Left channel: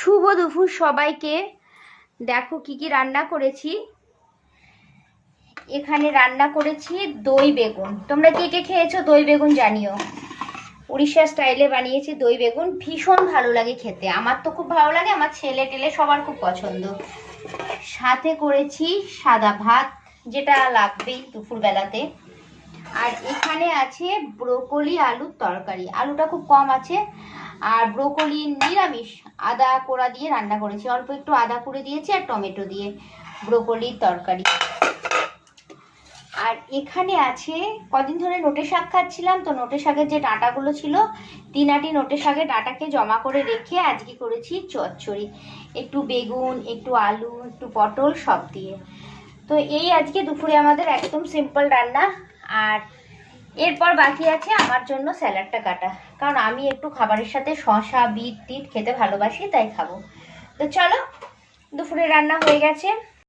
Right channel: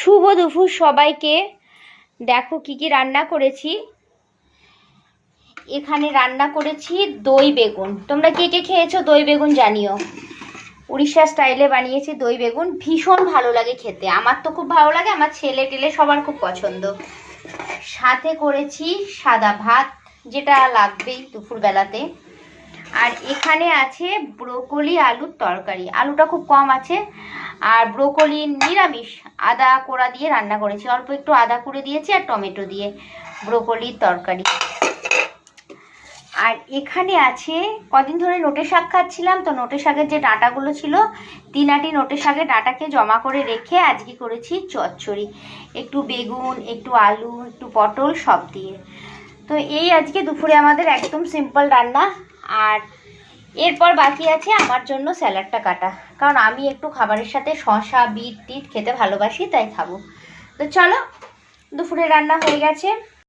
শুভ দুপুর সবাইকে। দেখো কি কি রান্না করেছি। এখানে রান্না করেছি দই বেগুন। তোমরা কে কে খেয়েছো দই বেগুন জানিও। উড়িষ্যা স্টাইলে বানিয়েছি দই বেগুন, ভীষণ ভালো লাগে খেতে। আমার তো খুব ভালো লাগে, আমার ছেলে টেলে সবার খুব পছন্দ। সাথে করেছি সাদা ভাত, যেটা লাগবেই দুপুরবেলাতে। আর এখানে আছে ব্রোকলি আলুর তরকারি, আলুটা খুব কম আছে। আর ব্রোকলি নিরামিষ, আদা কোড়া দিয়ে রান্না করেছি, অল্প একটু আদা কুড়ে দিয়েছি আর টমেটো দিয়ে ব্রোকলির তরকারি। আর এখানে আছে, কদিন ধরে নোটে শাক খাচ্ছিলাম, তো নোটে শাকের যে ডাঁটাগুলো ছিল, 3 আটি নোটে শাকের ডাঁটাকে জমা করে রেখে আজকে করেছি চচ্চড়ি, একটু বেগুন, একটু আলু, একটু পটল সব দিয়ে। তো এই আজকে দুপুরে আমাদের একদম সিম্পল রান্না। আর এরপর বাকি আছে আমার জন্য স্যালাডটা কাটা, কারণ আমি একটু খাবারের সাথে শসা বিট টিট খেতে ভালোবাসি, তাই খাবো। তো চলো, দুপুরে রান্না হয়ে গেছে।